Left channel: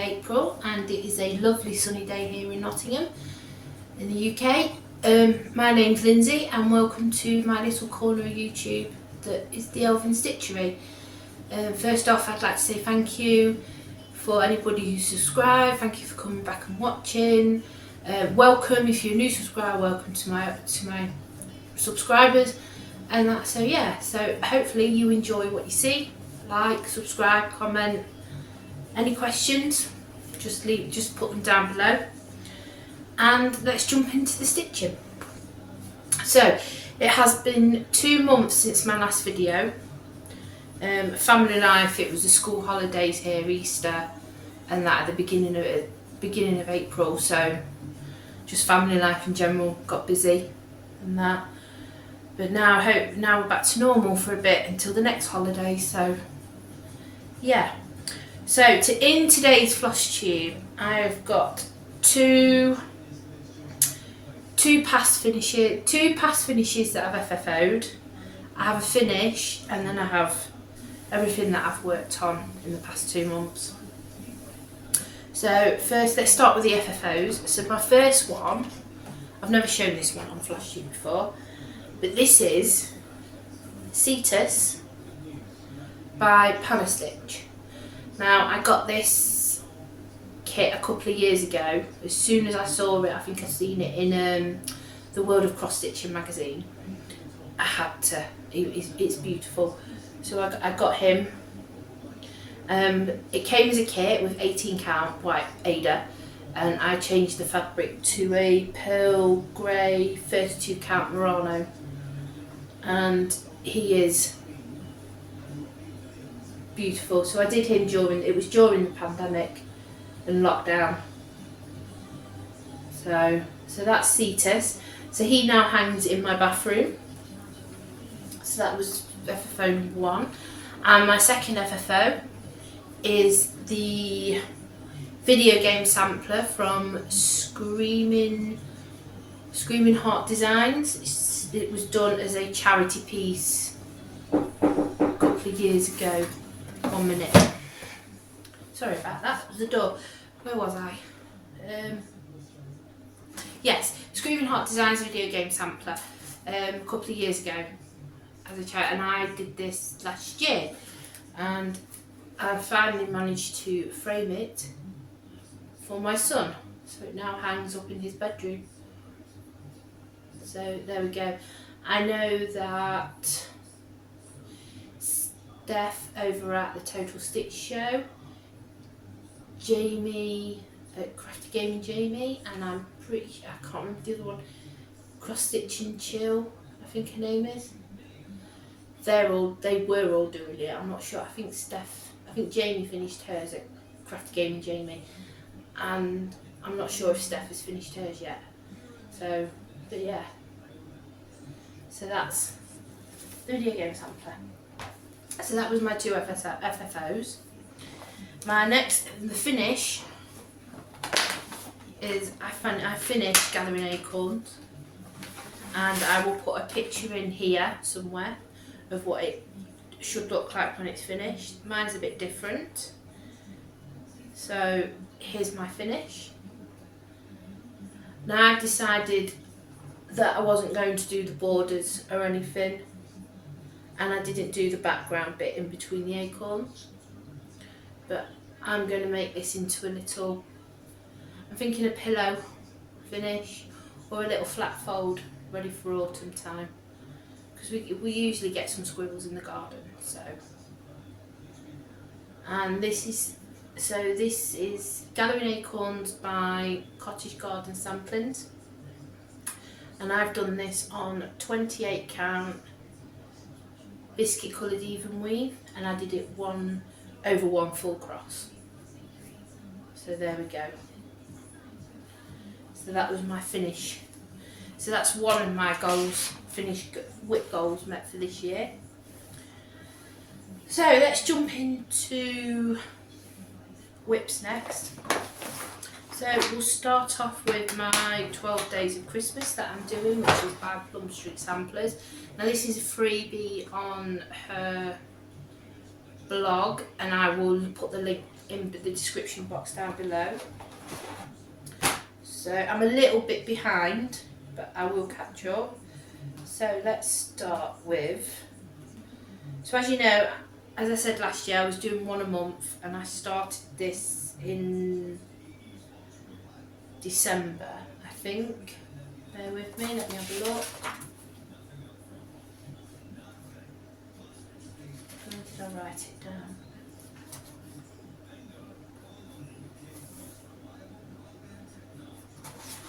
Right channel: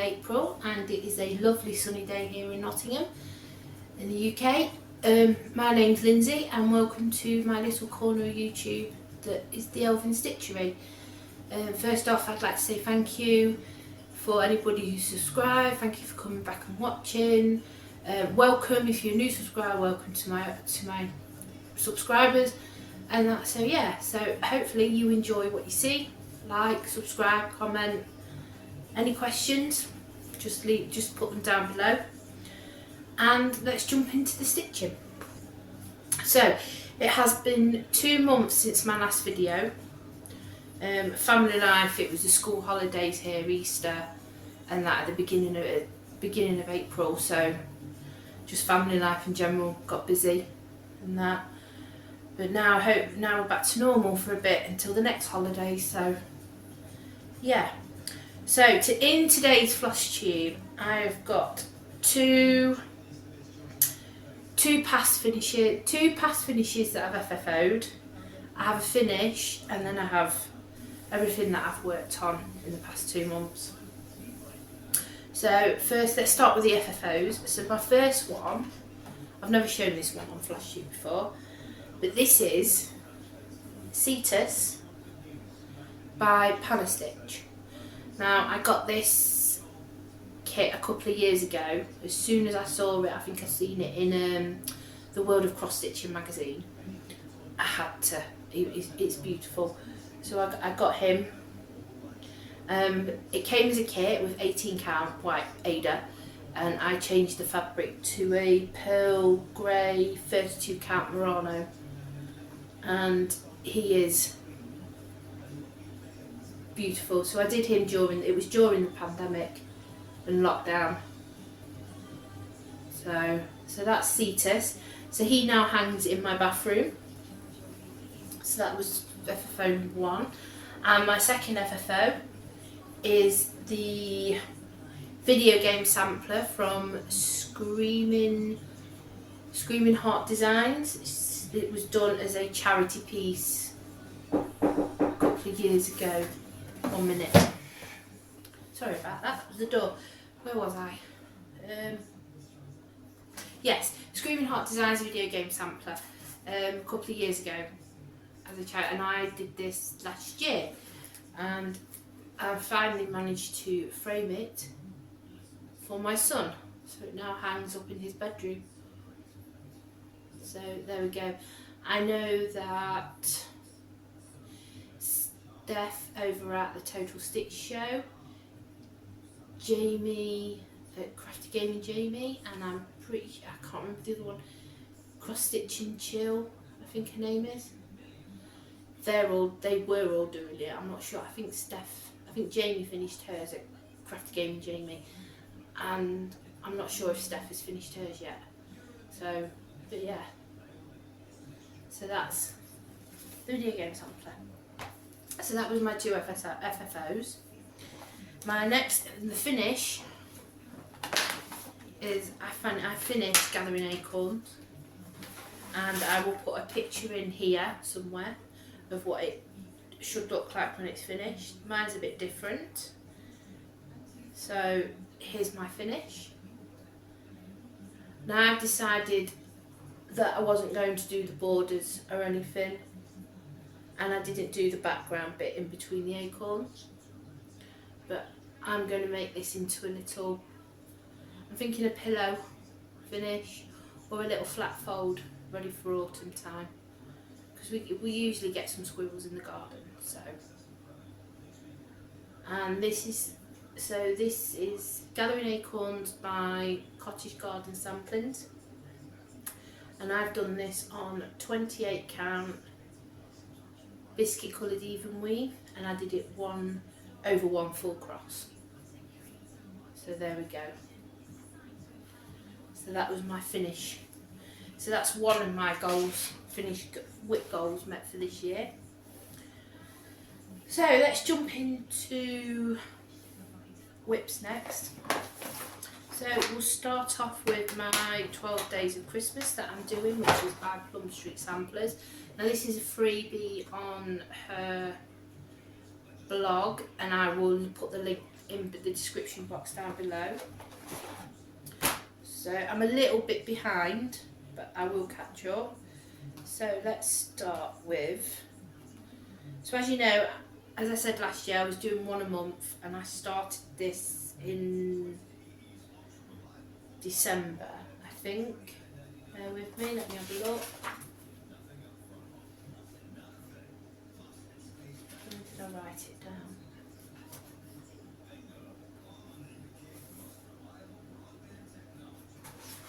April and it is a lovely sunny day here in Nottingham in the UK. My name's Lindsay and welcome to my little corner of YouTube that is the Elvin Stitchery. First off, I'd like to say thank you for anybody who subscribed. Thank you for coming back and watching. Welcome if you're a new subscriber, welcome to my subscribers. And that, so hopefully you enjoy what you see. Like, subscribe, comment. Any questions, just put them down below. And let's jump into the stitching. So it has been 2 months since my last video. Family life, it was the school holidays here, Easter, and that at the beginning of April. So just family life in general, got busy and that. But now we're back to normal for a bit until the next holiday. So yeah. So in today's Flosstube, I've got two past finishes that I've FFO'd. I have a finish, and then I have everything that I've worked on in the past 2 months. So first, let's start with the FFOs. So my first one, I've never shown this one on Flosstube before, but this is Cetus by Panna. Now I got this kit a couple of years ago. As soon as I saw it, I think I've seen it in the World of Crossstitching magazine. I had to. It's beautiful. So I got him. It came as a kit with 18 count white Aida, and I changed the fabric to a pearl grey 32 count Murano, and he is beautiful. So I did him during the pandemic and lockdown. So that's Cetus. So he now hangs in my bathroom. So that was FFO 1. And my second FFO is the video game sampler from Screaming Heart Designs. It was done as a charity piece a couple of years ago. 1 minute. Sorry about that. The door. Where was I? Yes, Screaming Heart Designs video game sampler. A couple of years ago as a charity, and I did this last year, and I finally managed to frame it for my son. So it now hangs up in his bedroom. So there we go. I know that Steph over at the Total Stitch Show, Jamie at Crafty Gaming Jamie, and I can't remember the other one, Cross Stitch and Chill, I think her name is. They were all doing it. I'm not sure. I think Jamie finished hers at Crafty Gaming Jamie, and I'm not sure if Steph has finished hers yet. So, but yeah. So that's the video game sampler. So that was my 2 FFOs. My next, the finish, is I finished Gathering Acorns, and I will put a picture in here somewhere of what it should look like when it's finished. Mine's a bit different. So here's my finish. Now I've decided that I wasn't going to do the borders or anything, and I didn't do the background bit in between the acorns, but I'm going to make this into a little, I'm thinking a pillow finish or a little flat fold ready for autumn time, because we usually get some squirrels in the garden. So, and this is Gathering Acorns by Cottage Garden Samplings, and I've done this on 28 count Biscuit coloured Evenweave, and I did it 1 over 1 full cross. So there we go. So that was my finish. So that's one of my goals, WIP goals met for this year. So let's jump into WIPs next. So we'll start off with my 12 Days of Christmas that I'm doing, which is by Plum Street Samplers. Now this is a freebie on her blog, and I will put the link in the description box down below. So I'm a little bit behind, but I will catch up. So let's start with, so as you know, as I said last year, I was doing one a month, and I started this in December, I think. Bear with me, let me have a look. Where did I write it down?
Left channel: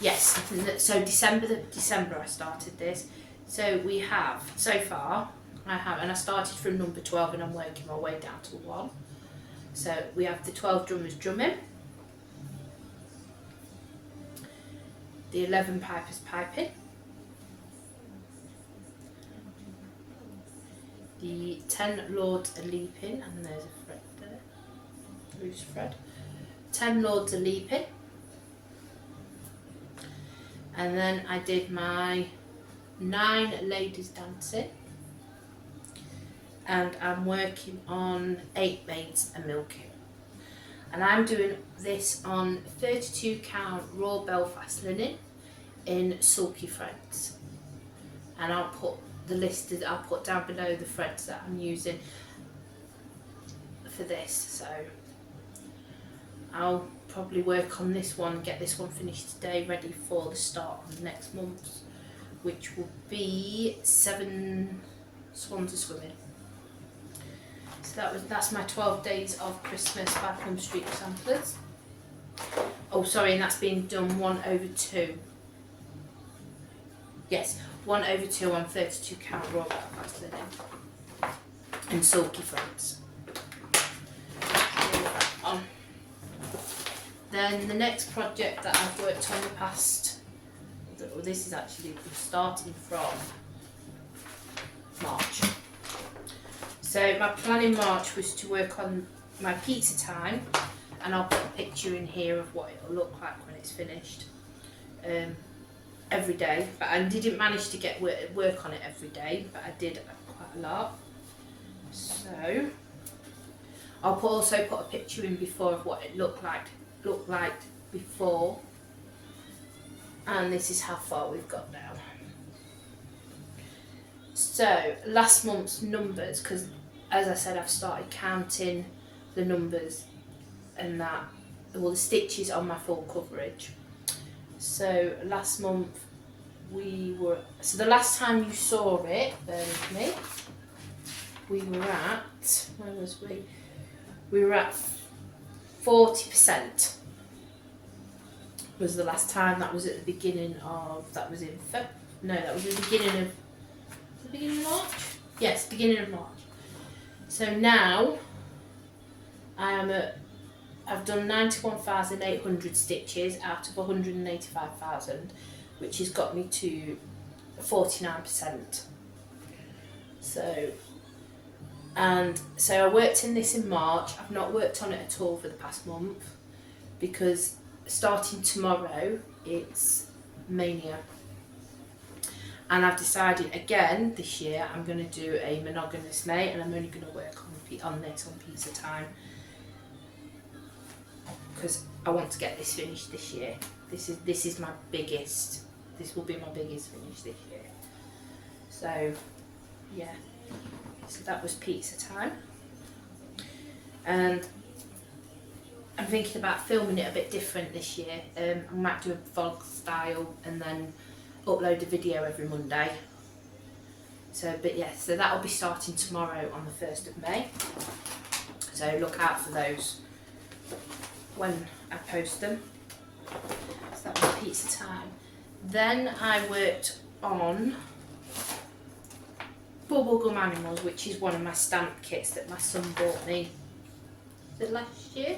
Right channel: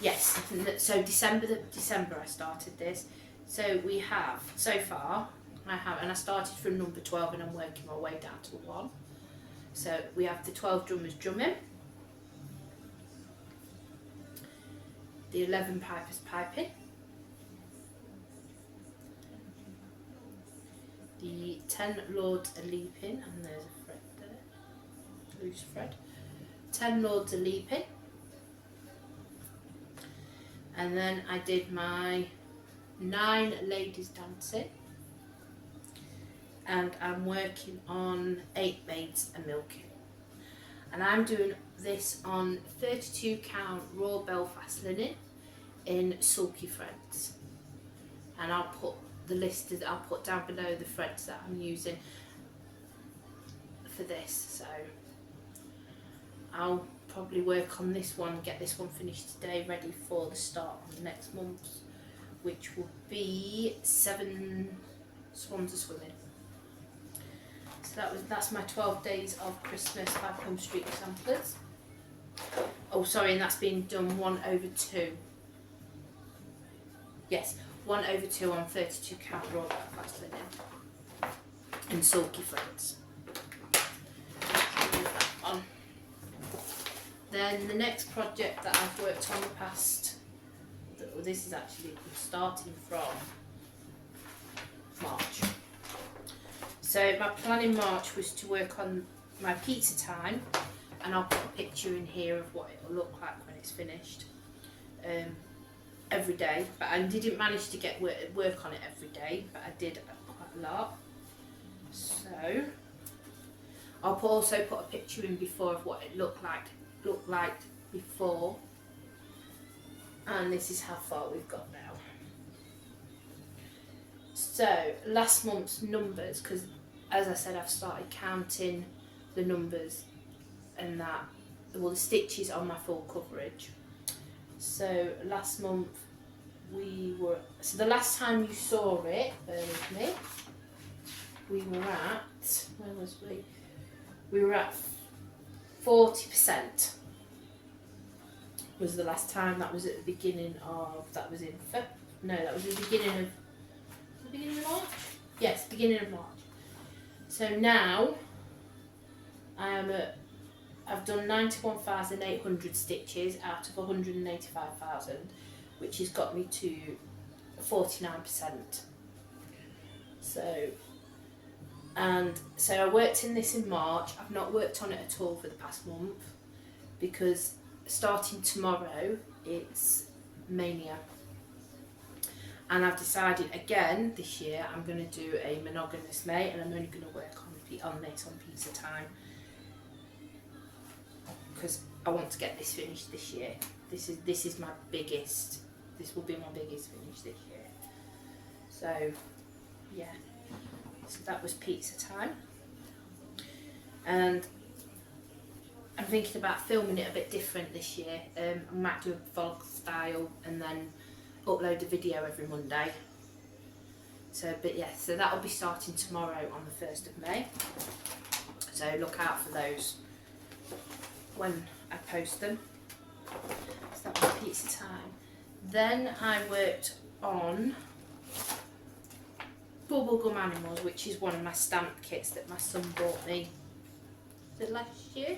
Yes, so December I started this. So we have, so far, and I started from number 12 and I'm working my way down to 1. So we have the 12 drummers drumming, the 11 pipers piping, the 10 lords are leaping, and there's a thread there, loose thread. 10 lords are leaping, and then I did my 9 ladies dancing, and I'm working on 8 maids a milking. And I'm doing this on 32 count raw Belfast linen in Sulky threads. And I'll put the list, I'll put down below the threads that I'm using for this. So I'll probably work on this one, get this one finished today, ready for the start of next month, which will be 7 swans a swimming. So that's my 12 days of Christmas by Plum Street samplers. Oh sorry, and that's being done 1/2. Yes, 1/2 on 32 count raw Belfast linen and Sulky threads. On. Then the next project that I've worked on the past, well, this is actually starting from March. So my plan in March was to work on my pizza time, and I'll put a picture in here of what it'll look like when it's finished every day. But I didn't manage to get work on it every day, but I did quite a lot. So I'll also put a picture in before of what it looked like before, and this is how far we've got now. So last month's numbers, because as I said, I've started counting the numbers and that, well, the stitches on my full coverage. So last month so the last time you saw it, bear with me, we were at, where was we? We were at 40%. Was the last time. That was at the beginning of, that was in that was the beginning of March? Yes, beginning of March. So now I've done 91,800 stitches out of 185,000, which has got me to 49%. So I worked in this in March. I've not worked on it at all for the past month, because starting tomorrow it's Mania. And I've decided again this year I'm going to do a monogamous mate, and I'm only going to work on this on pizza time, because I want to get this finished this year. This is my biggest. This will be my biggest finish this year. So yeah. So that was pizza time, and I'm thinking about filming it a bit different this year. I might do a vlog style and then upload a video every Monday. So, but yeah, so that'll be starting tomorrow on the 1st of May. So look out for those when I post them. So that was pizza time. Then I worked on Bubblegum Animals, which is one of my stamp kits that my son bought me. Was it last year?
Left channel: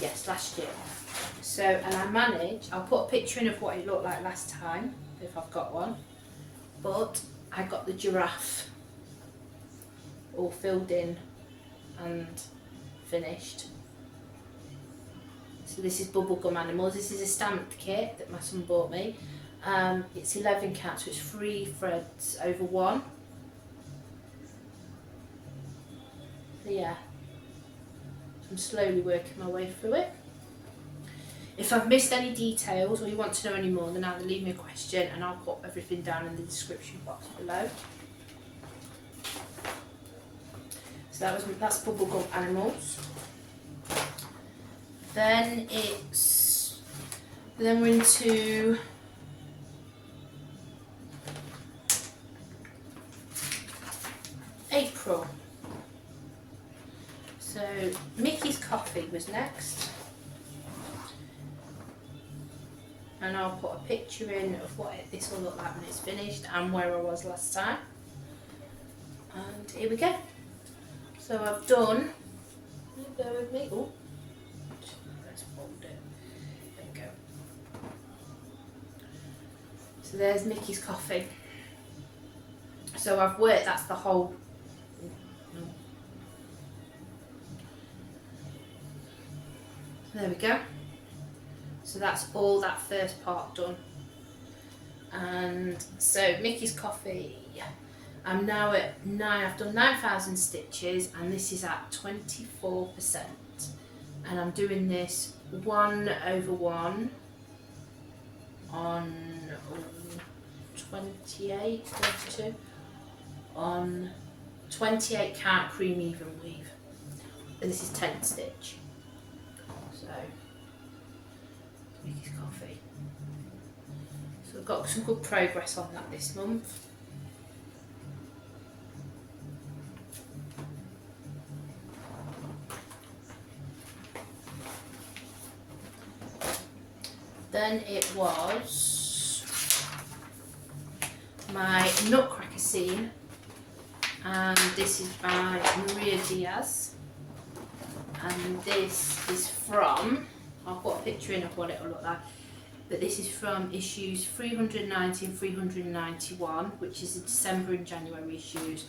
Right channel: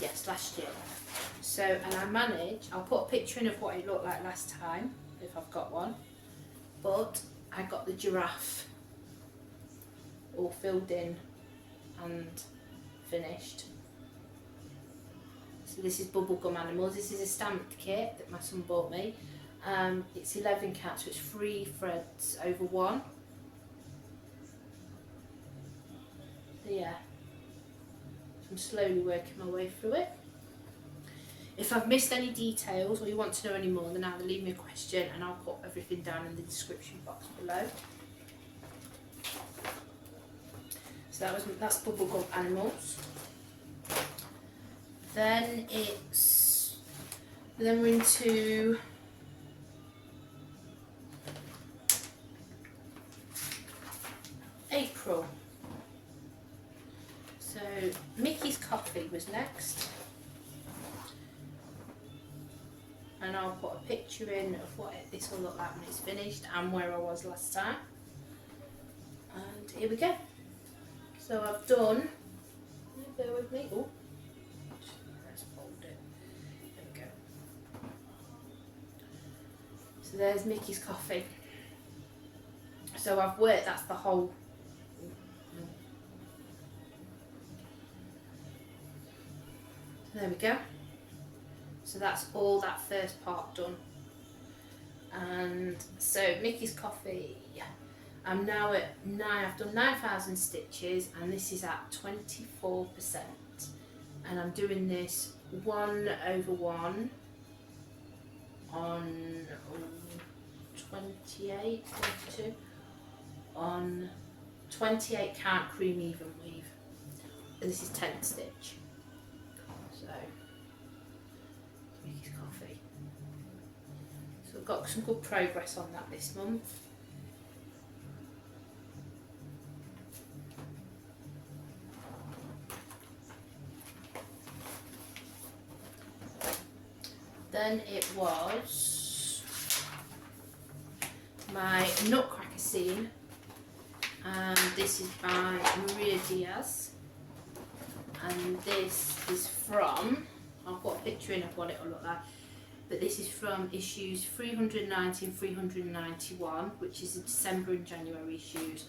Yes, last year. So, and I managed, I'll put a picture in of what it looked like last time, if I've got one, but I got the giraffe all filled in and finished. So this is Bubblegum Animals. This is a stamped kit that my son bought me. It's 11 count, so it's 3 threads over 1. So yeah. I'm slowly working my way through it. If I've missed any details or you want to know any more, then either leave me a question and I'll put everything down in the description box below. So that's Bubblegum Animals. Then we're into April. So Mickey's Coffee was next. And I'll put a picture in of what this will look like when it's finished and where I was last time. And here we go. So I've done, bear with me, oh, let's hold it, there we go. So there's Mickey's Coffee. So I've worked, that's the whole, so there we go. So that's all that first part done. And so Mickey's Coffee, I'm now at I've done 9,000 stitches and this is at 24%. And I'm doing this 1/1 on 28, 22, on 28 count cream Evenweave. And this is 10 stitch. So, Mickey's Coffee. So I've got some good progress on that this month. Then it was my Nutcracker Scene, and this is by Diaz, and this is from, I'll put a picture in of what it will look like, but this is from issues 390 and 391, which is the December and January issues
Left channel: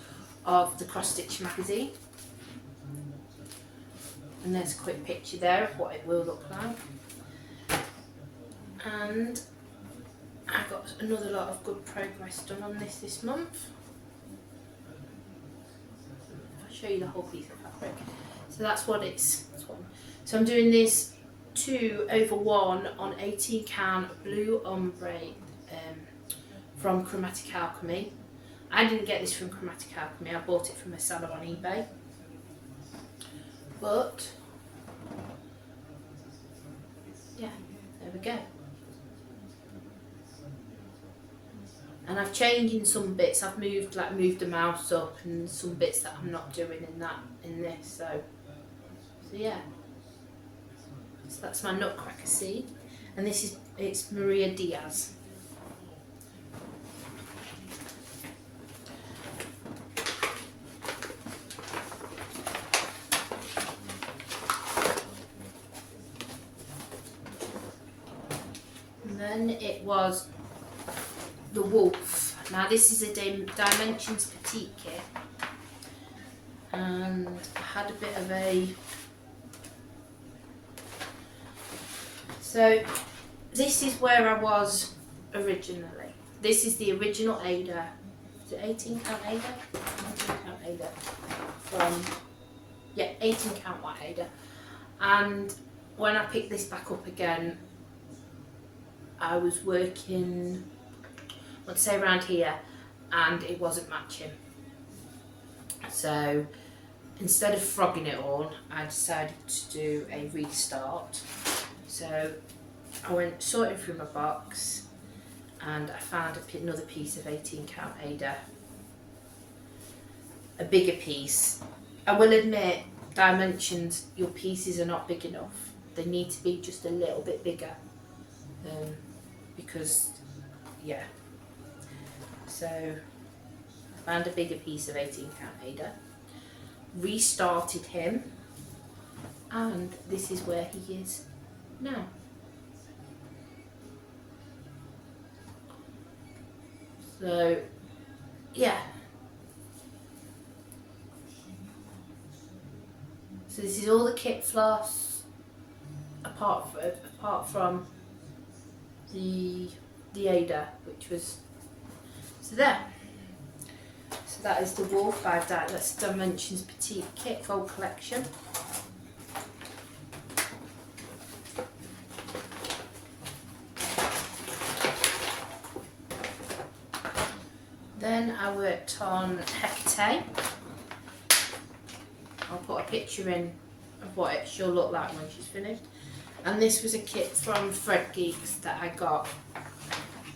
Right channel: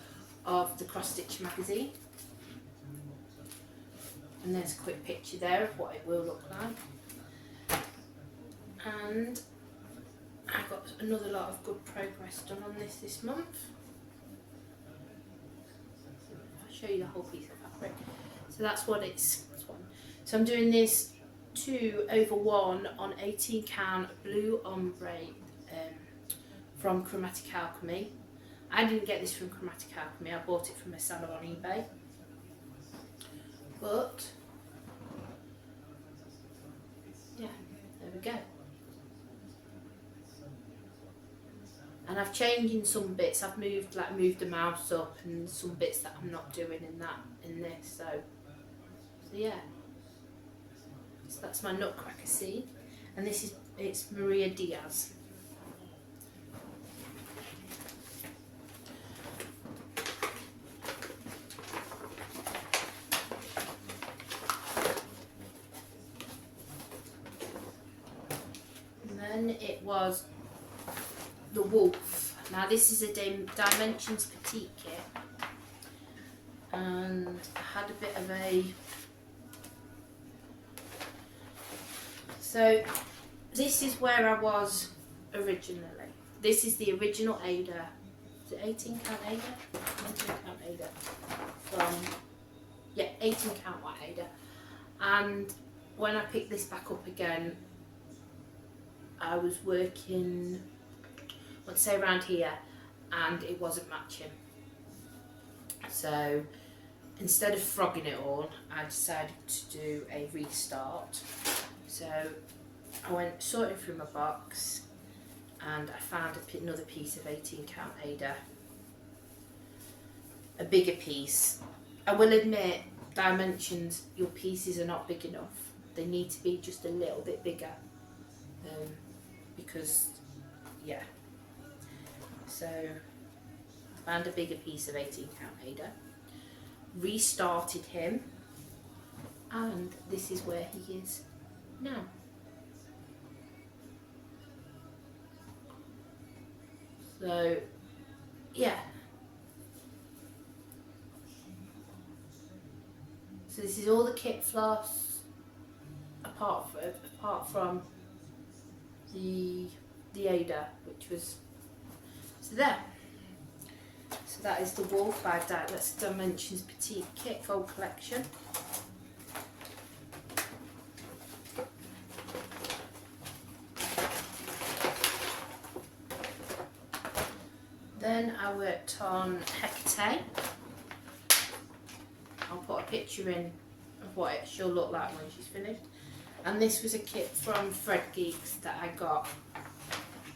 of the Crossstitcher magazine. And there's a quick picture there of what it will look like. And I got another lot of good progress done on this month. I'll show you the whole piece of fabric. So that's what it's. So I'm doing this 2/1 on 18 count blue ombre from Chromatic Alchemy. I didn't get this from Chromatic Alchemy, I bought it from a seller on eBay. But yeah, there we go. And I've changed in some bits. I've moved the mouse up and some bits that I'm not doing in this. So yeah. So that's my Nutcracker Scene, and it's Diaz. And then it was the Wolf. Now this is a Dimensions Petite Kit, and I had a bit of a. So this is where I was originally. This is the original Aida. Is it 18 count Aida? 18 count Aida. From, yeah, 18 count white Aida. And when I picked this back up again, I was working, let's say around here, and it wasn't matching. So instead of frogging it all, I decided to do a restart. So I went sorting through my box and I found another piece of 18 count Aida, a bigger piece. I will admit, Dimensions, your pieces are not big enough. They need to be just a little bit bigger, because yeah. So I found a bigger piece of 18 count Aida, restarted him, and this is where he is now. So yeah, so this is all the kit floss apart from the Aida, which was, so there. So that is the Wolf by that's Dimensions Petite Kit Gold Collection. worked on Hecate. I'll put a picture in of what she'll look like when she's finished. And this was a kit from Threadgeeks that I got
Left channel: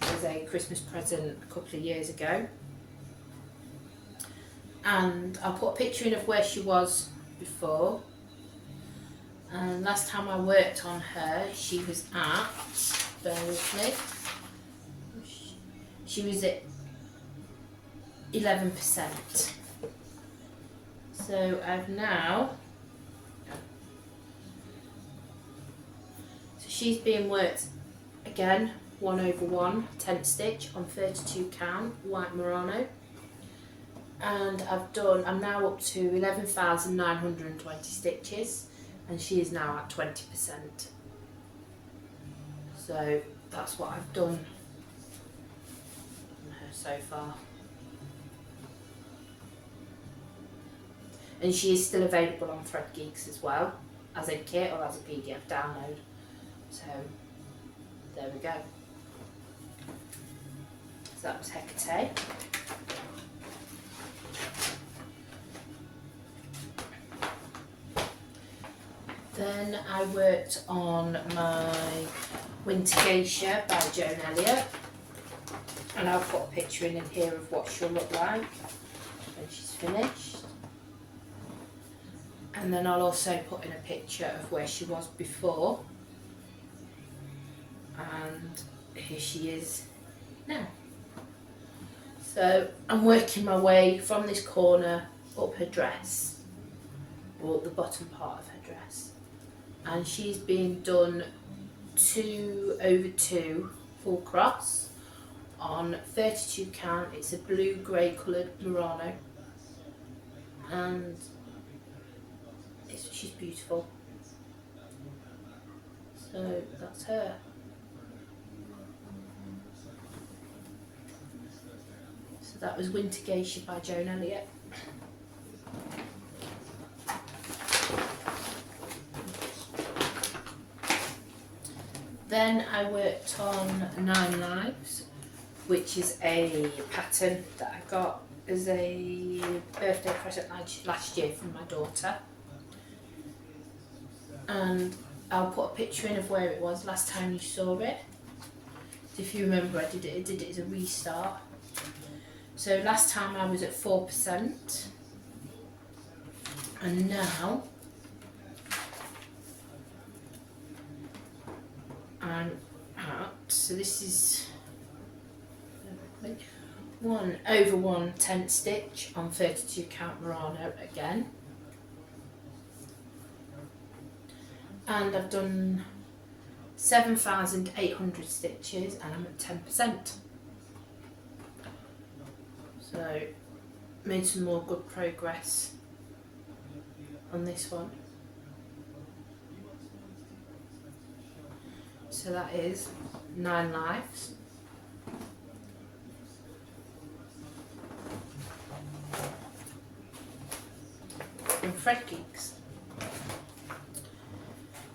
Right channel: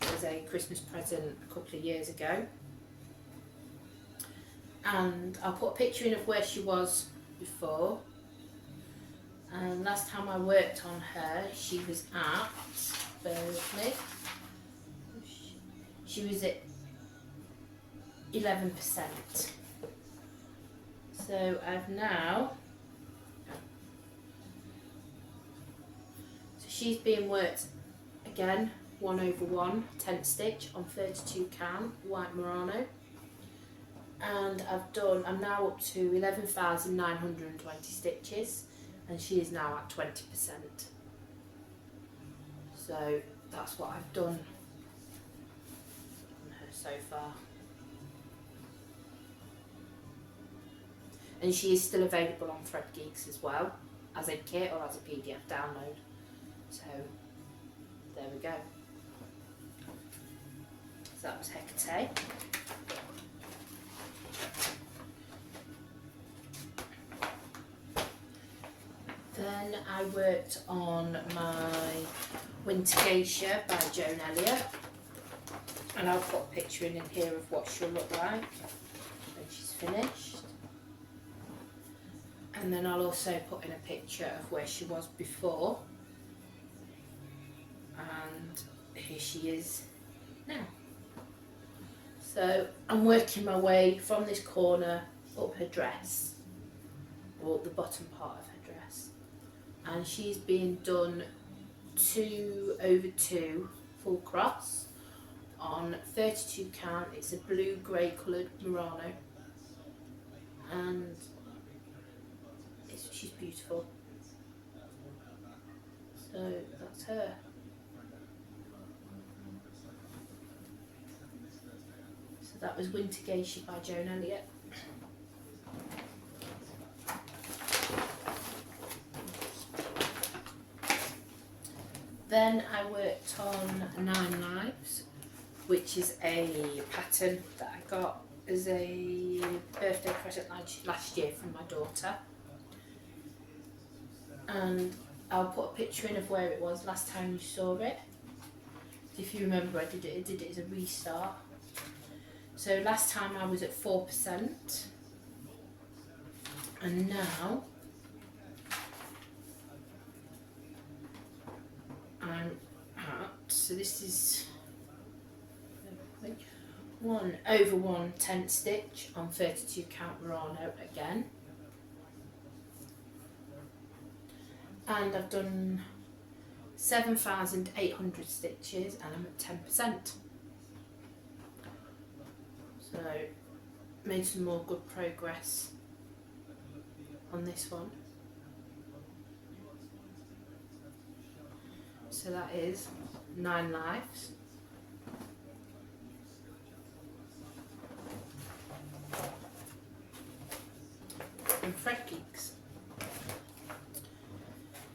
as a Christmas present a couple of years ago. And I'll put a picture in of where she was before. And last time I worked on her, she was at, bear with me, she was at 11%. So I've now, so she's being worked again, 1/1 10 stitch on 32 count white Murano. And I'm now up to 11,920 stitches, and she is now at 20%. So that's what I've done on her so far. And she is still available on Threadgeeks as well, as a kit or as a PDF download. So there we go. So that was Hecate. Then I worked on my Winter Geisha by Joan Elliott, and I'll put a picture in here of what she'll look like when she's finished. And then I'll also put in a picture of where she was before, and here she is now. So I'm working my way from this corner up her dress, or the bottom part of her dress, and she's being done 2/2 full cross on 32 count. It's a blue grey coloured Murano, and she's beautiful. So that's her. So that was Winter Geisha by Joan Elliott. Then I worked on 9 Lives, which is a pattern that I got as a birthday present last year from my daughter. And I'll put a picture in of where it was last time you saw it. If you remember, I did it as a restart. So last time I was at 4%, and now I'm at, so this is 1/1 10 stitch on 32 count Murano again. And I've done 7,800 stitches, and I'm at 10%. So made some more good progress on this one. So that is 9 Lives. And Threadgeeks.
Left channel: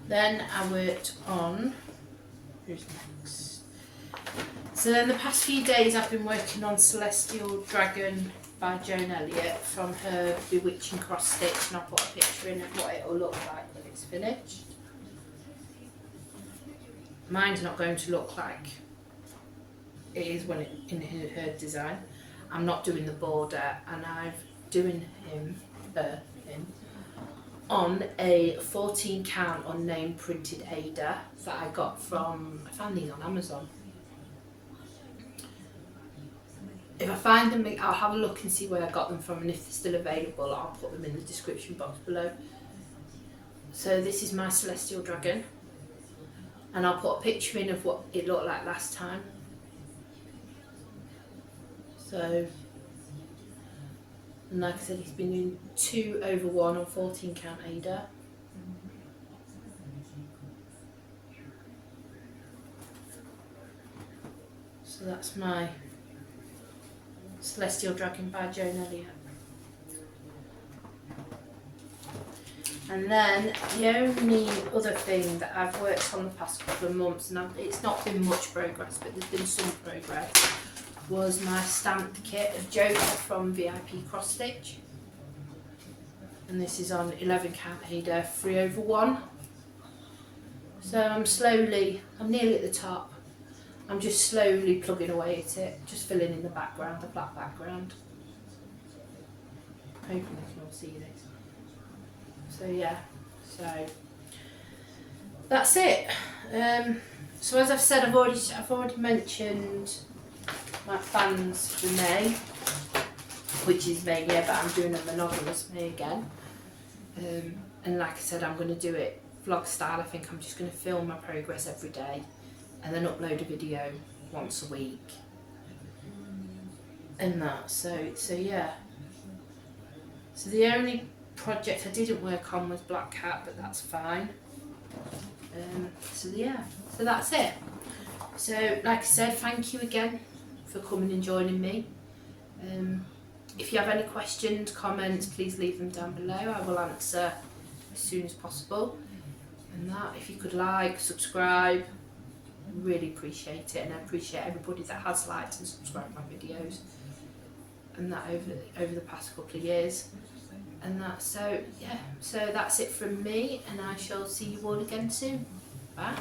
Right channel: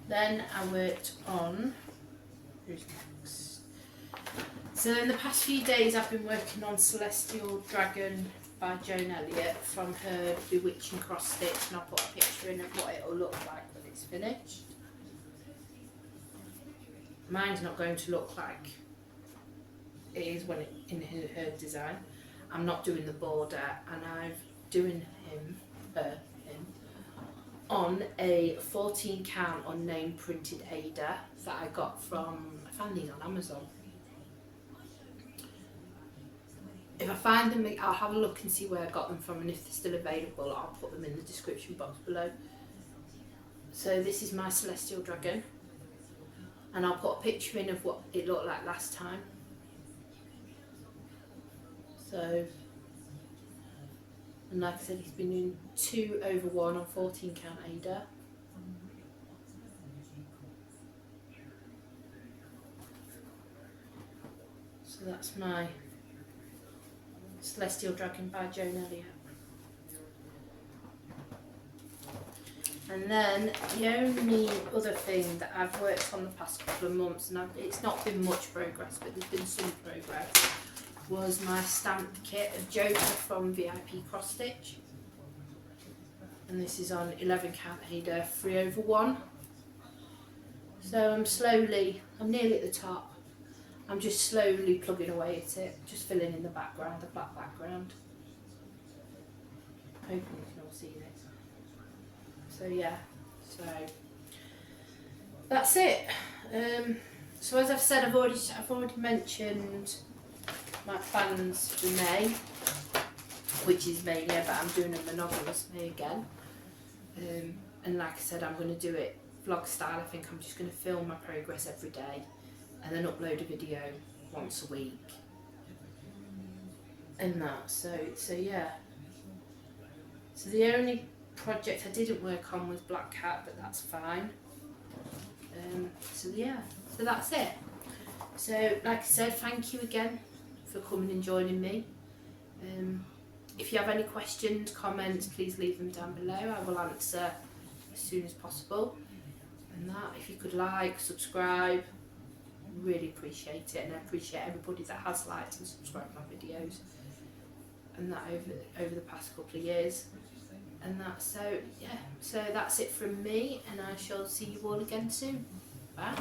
Then I worked on, who's next? So in the past few days I've been working on Celestial Dragon by Joan Elliott from her Bewitching Cross Stitch, and I'll put a picture in of what it will look like when it's finished. Mine's not going to look like it is when in her design. I'm not doing the border, and I'm doing him on a 14 count unnamed printed Aida that I got from, I found these on Amazon. If I find them, I'll have a look and see where I got them from, and if they're still available, I'll put them in the description box below. So this is my Celestial Dragon, and I'll put a picture in of what it looked like last time. So, and like I said, he's been doing 2/1 on 14 count Aida. So that's my Celestial Dragon by Joan Elliott. And then the only other thing that I've worked on the past couple of months, and it's not been much progress, but there's been some progress, was my stamped kit of Joan from VIP Crossstitch. And this is on 11 count Aida 3/1. So I'm nearly at the top. I'm just slowly plugging away at it, just filling in the background, the black background. Hoping you can all see this. So yeah, so that's it. So as I've said, I've already mentioned my plans for May, which is May, yeah, but I'm doing a monogamous May again. And like I said, I'm going to do it vlog style. I think I'm just going to film my progress every day and then upload a video once a week. And that, so yeah. So the only project I didn't work on was Black Cat, but that's fine. So yeah, so that's it. So like I said, thank you again for coming and joining me. If you have any questions, comments, please leave them down below. I will answer as soon as possible. And that, if you could like, subscribe, I really appreciate it, and I appreciate everybody that has liked and subscribed my videos and that over the past couple of years. And that, so yeah, so that's it from me, and I shall see you all again soon. Bye.